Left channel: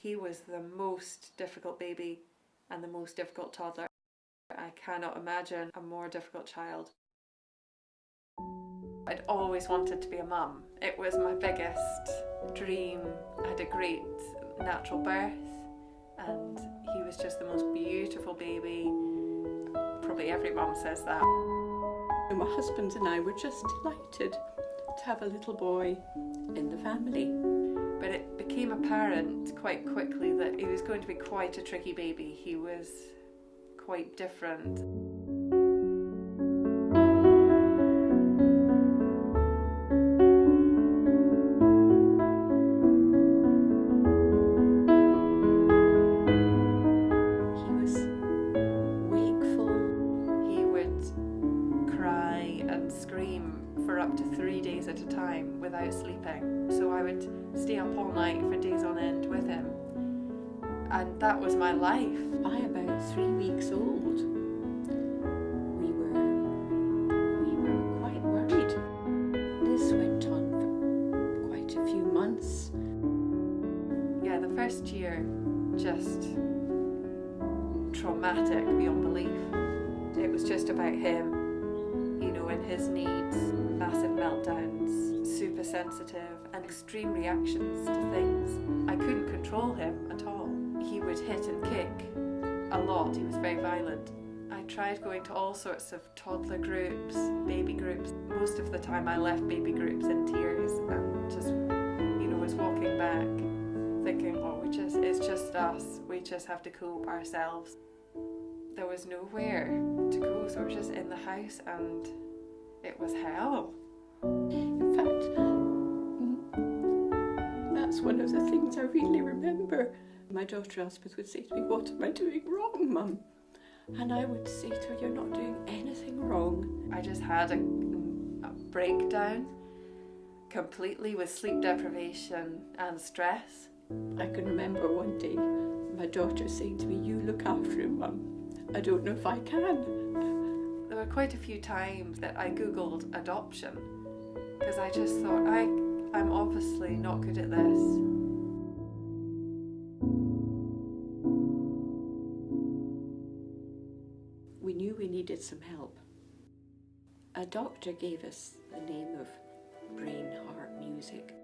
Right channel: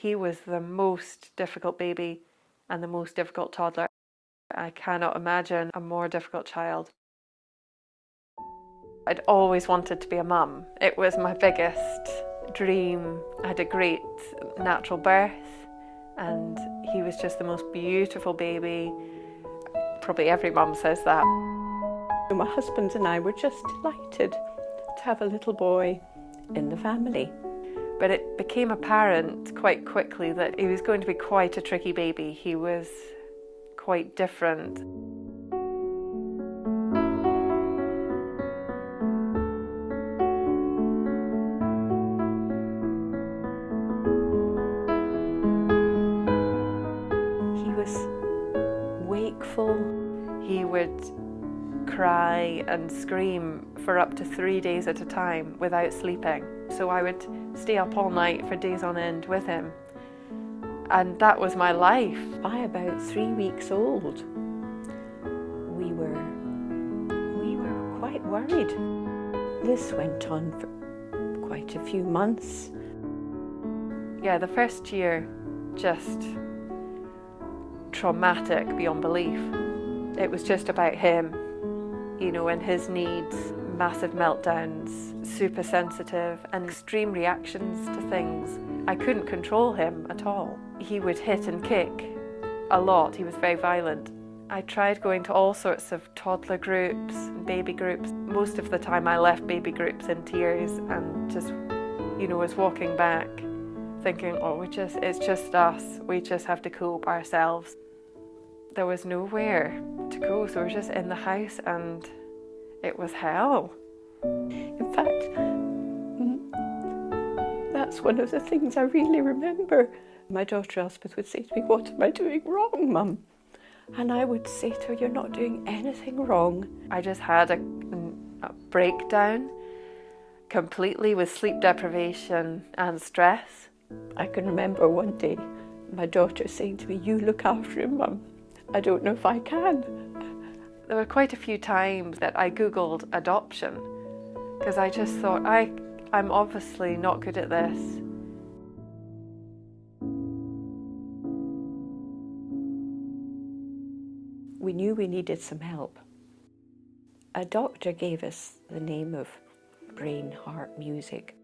He was the most difficult baby and the most difficult toddler. I cannot imagine a more difficult child. I'd always wanted to be a mum. It was my biggest dream. I had a great natural birth and he was just the most beautiful baby. Probably every mum says that. My husband and I were just delighted to have a little boy in the family. But it became apparent quite quickly that he was going to be quite a tricky baby. He was quite different. He was wakeful. He would cry and scream for up to 3 days at a time without sleeping. So I would stay up all night for days on end with him. And that was my life. By about 3 weeks old, we were quite worried. This went on for quite a few months. Yeah, the first year, just traumatic beyond belief. It was just about him, you know, and his needs, massive meltdowns, super sensitive and extreme reactions to things. I couldn't control him at all. He would hit and kick a lot. He was very violent. I tried going to all sorts of toddler groups, baby groups. Most of the time I left baby groups in tears and just, you know, was walking back thinking, oh, it's just us. We just have to cope ourselves. There was nowhere to go, so we were just in the house and it was hell. In fact, that's one of the things I really remember. My daughter Elspeth would say to me, "What am I doing wrong, Mum?" And I would say to her, "You're not doing anything wrong." I just had a breakdown completely with sleep deprivation and stress. I can remember one day my daughter saying to me, "You look after him, Mum. I don't know if I can." There were quite a few times that I Googled adoption because I just thought, I'm obviously not good at this. We knew we needed some help. A doctor gave us the name of brain heart music.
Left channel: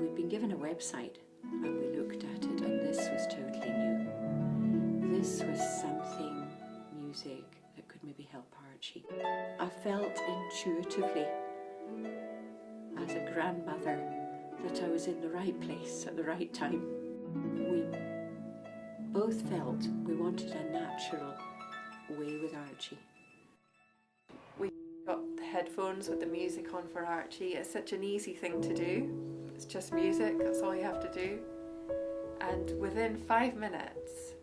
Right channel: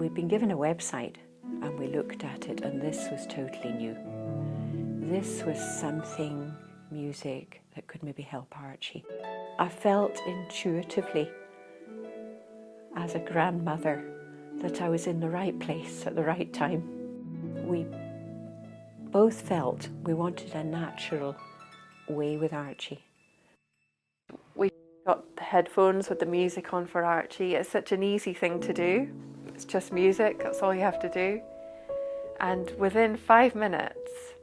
We'd been given a website and we looked at it, and this was totally new. This was something, music, that could maybe help Archie. I felt intuitively, as a grandmother, that I was in the right place at the right time. We both felt we wanted a natural way with Archie. We got the headphones with the music on for Archie. It's such an easy thing to do. It's just music, that's all you have to do. And within 5 minutes,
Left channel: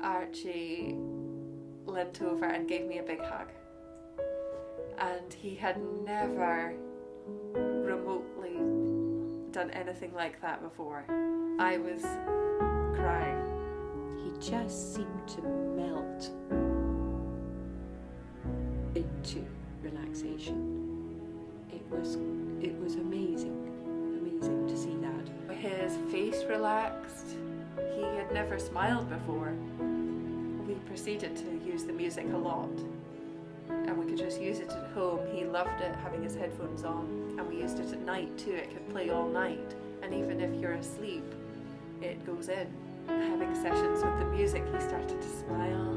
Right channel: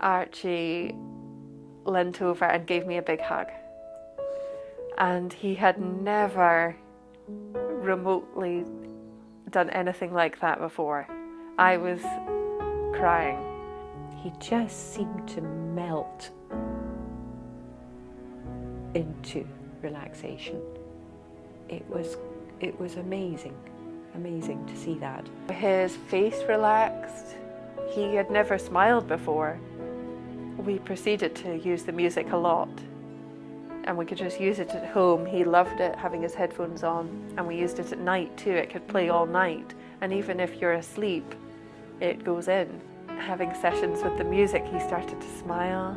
Archie leant over and gave me a big hug. And he had never remotely done anything like that before. I was crying. He just seemed to melt into relaxation. It was amazing to see that. His face relaxed. He had never smiled before. We proceeded to use the music a lot, and we could just use it at home. He loved it, having his headphones on, and we used it at night too. It could play all night, and even if you're asleep, it goes in. Having sessions with the music, he started to smile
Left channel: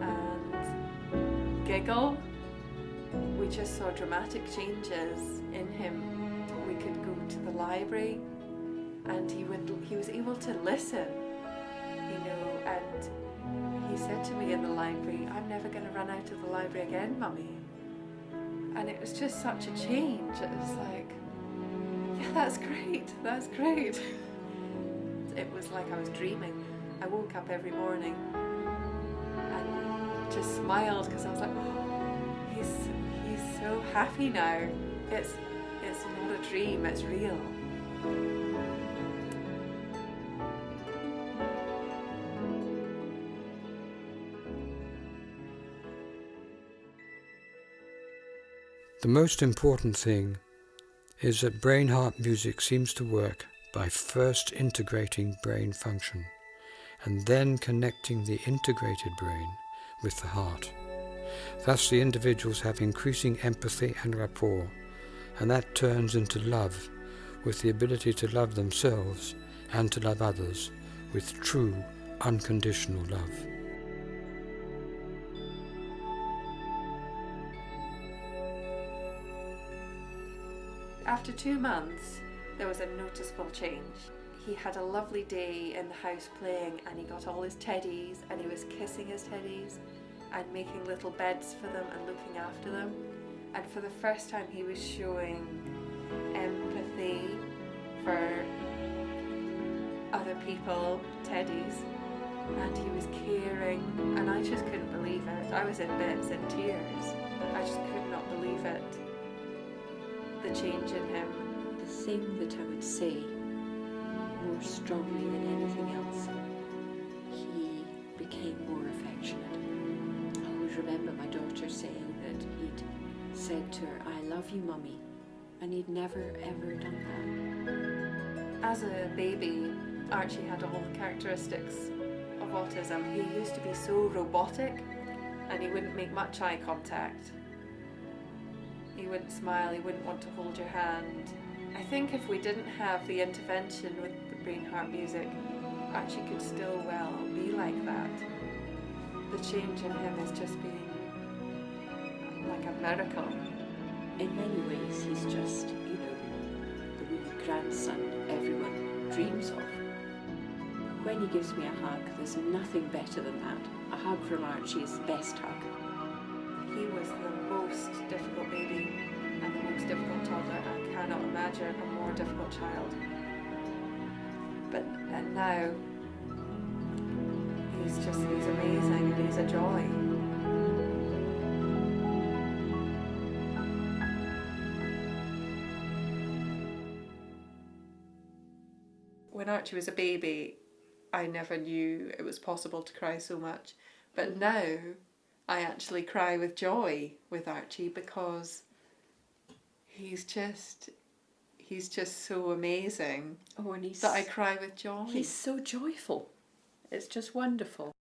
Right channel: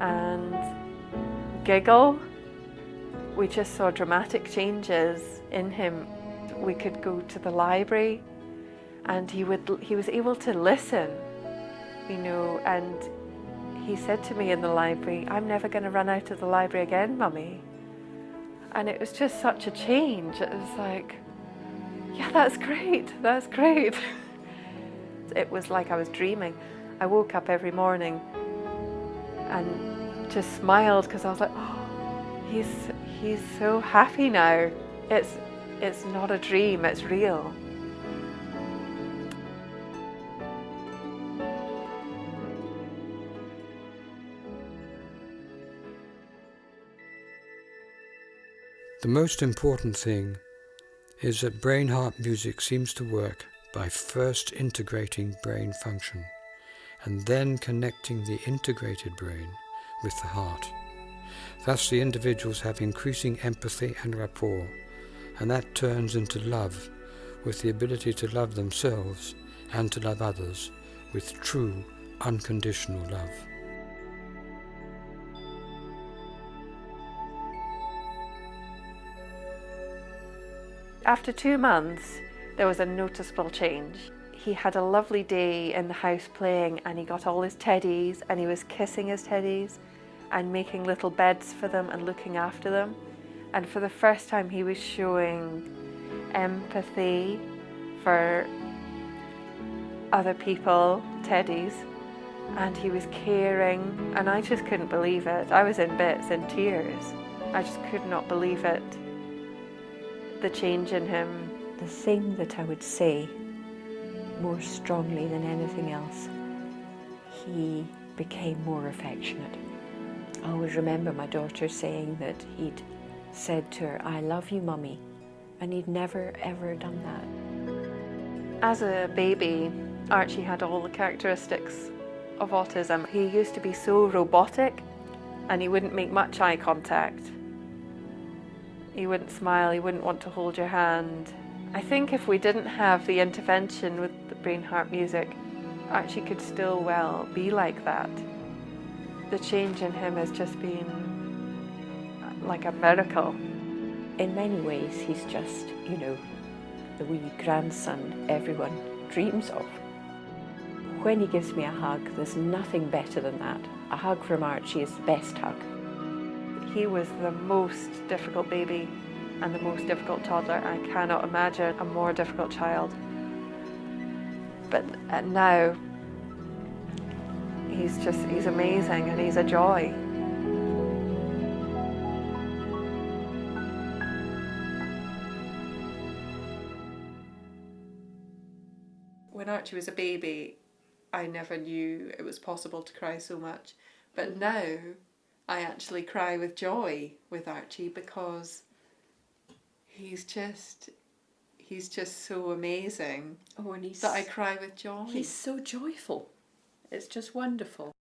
and giggle. We just saw dramatic changes in him. We could go to the library and he was able to listen, you know, and he said to me in the library, "I'm never going to run out of the library again, Mummy." And it was just such a change. It was like, yeah, that's great. It was like I was dreaming. I woke up every morning and just smiled because I was like, oh, he's so happy now. It's not a dream, it's real. The most important thing is that brain-heart music seems to work by first integrating brain function and then connecting the integrated brain with the heart. Thus the individuals have increasing empathy and rapport, and that turns into love, with the ability to love themselves and to love others with true, unconditional love. After 2 months, there was a noticeable change. He had a lovely day in the house playing, and he got all his teddies and he was kissing his teddies and making little beds for them and looking after them. And for the first time he was showing empathy for other people, teddies, and he was caring, and I just couldn't believe it. I was in bits, in tears. I just could not believe it. The change in him. The thing that I would say more strongly than anything else, he became more affectionate. I always remember my daughter saying that he'd said to her, "I love you, Mummy," and he'd never ever done that. As a baby, Archie had all the characteristics of autism. He used to be so robotic, and he wouldn't make much eye contact. He wouldn't smile, he wouldn't want to hold your hand. I think if we didn't have the intervention with the brain-heart music, Archie could still well be like that. The change in him has just been like a miracle. In many ways, he's just, the wee grandson everyone dreams of. When he gives me a hug, there's nothing better than that. A hug from Archie is the best hug. He was the most difficult baby and the most difficult toddler. I cannot imagine a more difficult child. But now, he's amazing and he's a joy. When Archie was a baby, I never knew it was possible to cry so much. But now, I actually cry with joy with Archie because he's just so amazing. Oh, and that I cry with joy. He's so joyful. It's just wonderful.